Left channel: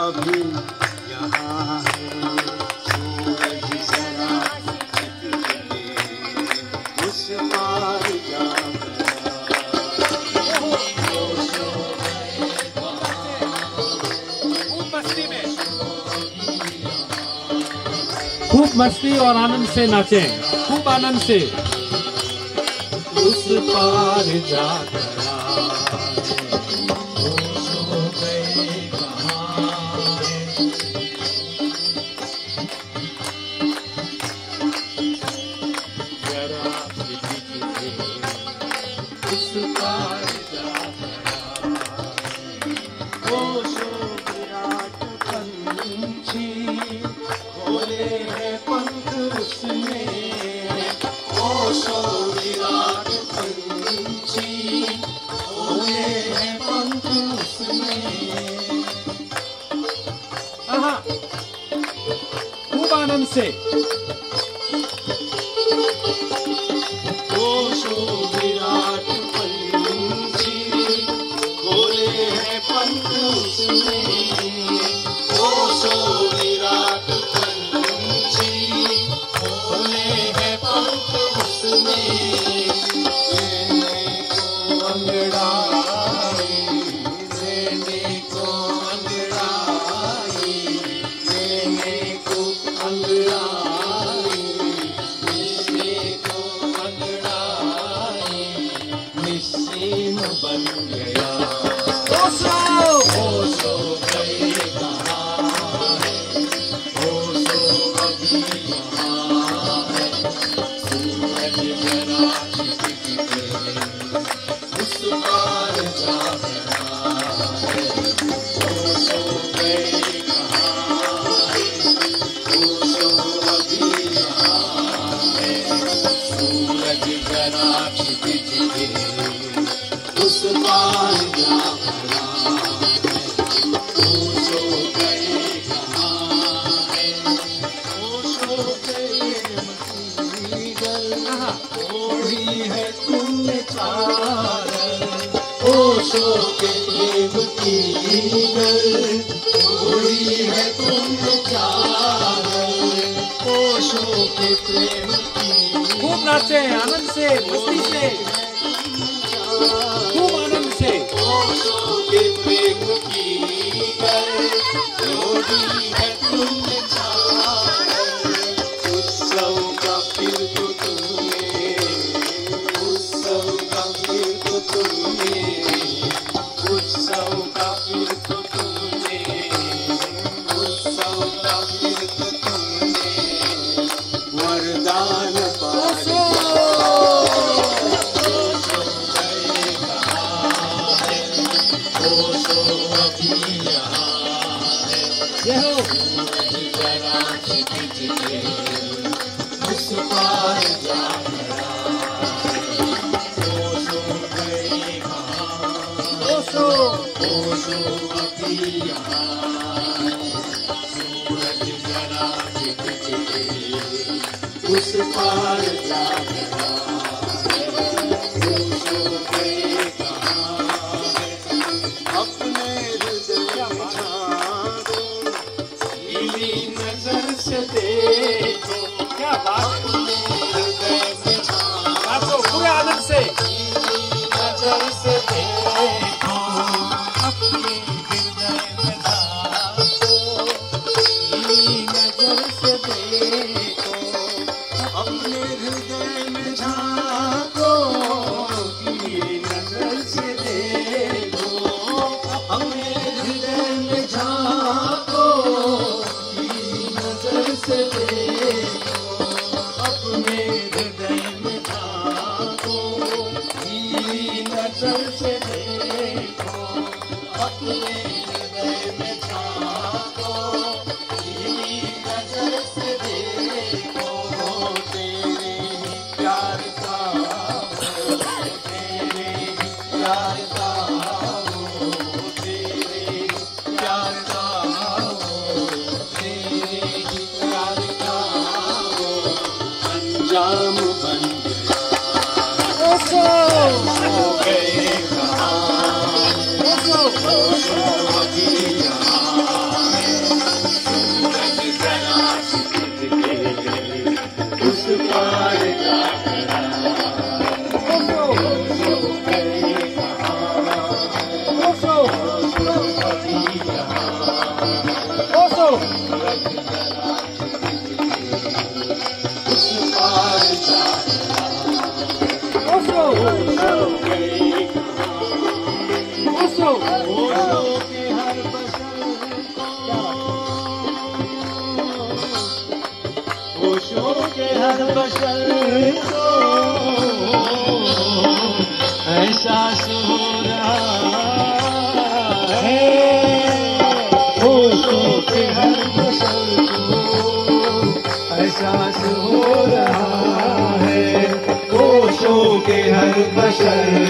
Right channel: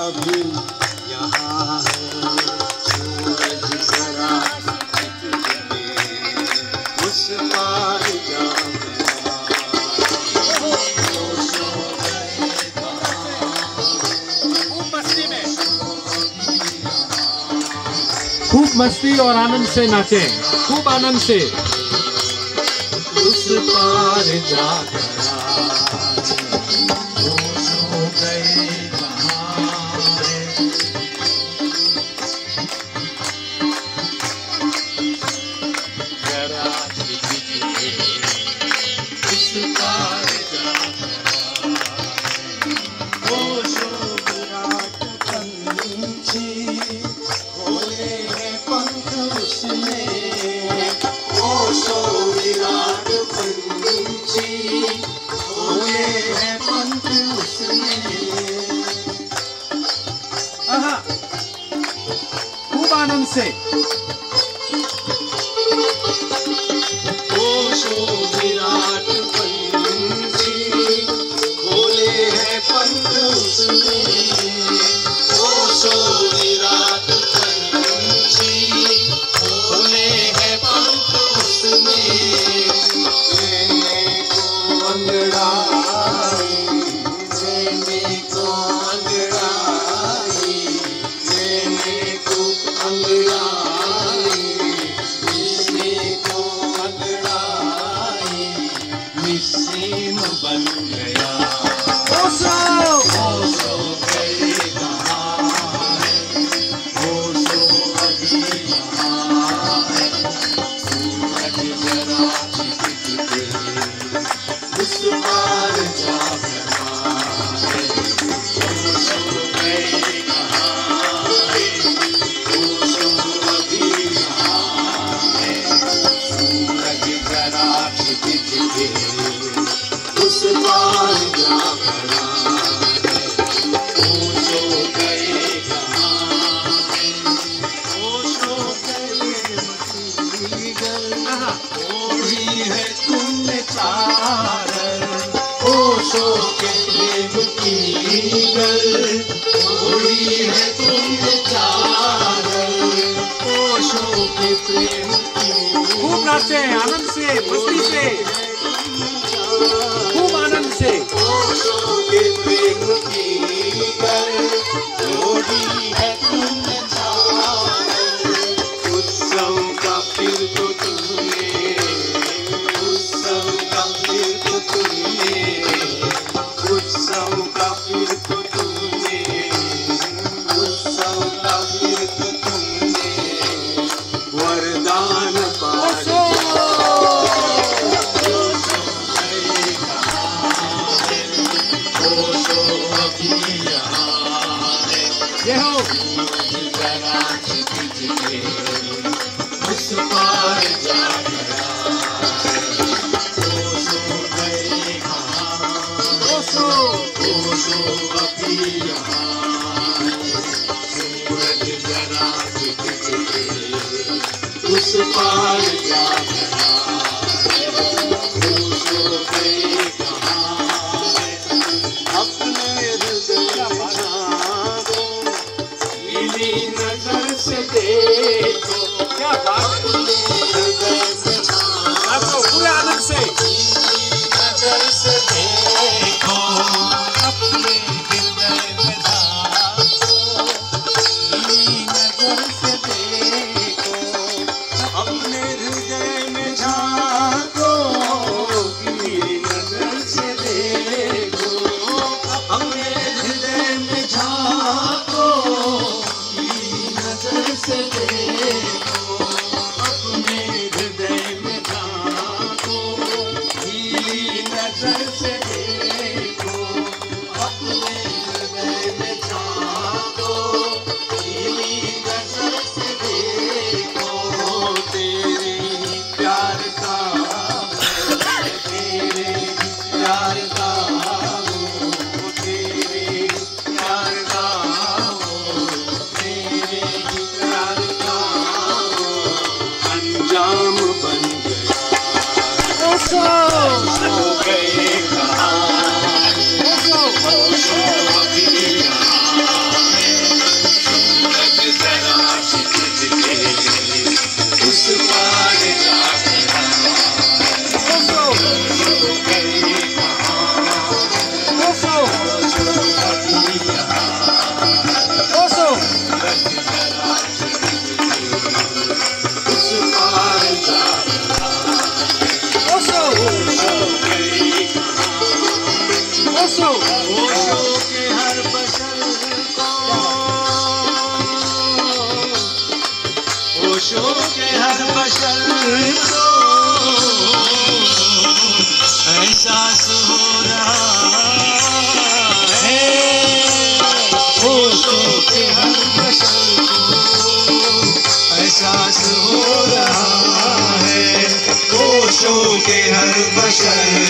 अभी यहाँ है। सूरज जरा उस पार जा खूब मस्ती और आनंद से नाचें, खूब आनंद से। उस पार जा खूब आनंद से। विराट पंछी खोले हैं पंख उसने। विराट पंछी खोले हैं पंख उसने। लेने को अंगड़ाई, लेने को अंगड़ाई, लेने को अंगड़ाई, लेने को अंगड़ाई, निस्सीम बन गया। ओसो गए कहाँ है, ओसो अभी यहाँ है। सूरज जरा छिप के उस पार जा रहा है। ओसो गए कहाँ है, ओसो अभी यहाँ है। सूरज जरा छिप के उस पार जा रहा है। ओसो गए कहाँ है, ओसो गए मसीगल। ओढ़ी है तुमने चादर, ओसो के प्रेम की गल। ओढ़ी है तुमने चादर, ओसो के प्रेम की। खूब नाचें, आनंद से, मस्ती से, खूब आनंद से। ओसो के प्रेम की गल। ओढ़ी है तुमने चादर, उत्सव का फिर तो तुमने, उत्सव का फिर तो तुमने, उत्सव का फिर तो तुमने, उत्सव का फिर तो तुमने वरदान पा लिया। ओसो अभी यहाँ है। ये हो जरा छिप के उस पार जा रहा है। ओसो गए कहाँ, ओसो ओसो अभी यहाँ है। सूरज जरा छिप के उस पार जा रहा है। ओसो गए कहाँ है, अपने हृदय में झांको, नीली नजर से देखो। क्या बात है। अपने हृदय में झांको, नाचो पूरे आनंद से। नजर से देखो, अपने हृदय में झांको, नीली नजर से देखो, अपने हृदय में झांको। बशर को एहसास हो रहा है, होशों के हर बशर को एहसास हो रहा है, होशों के हर बशर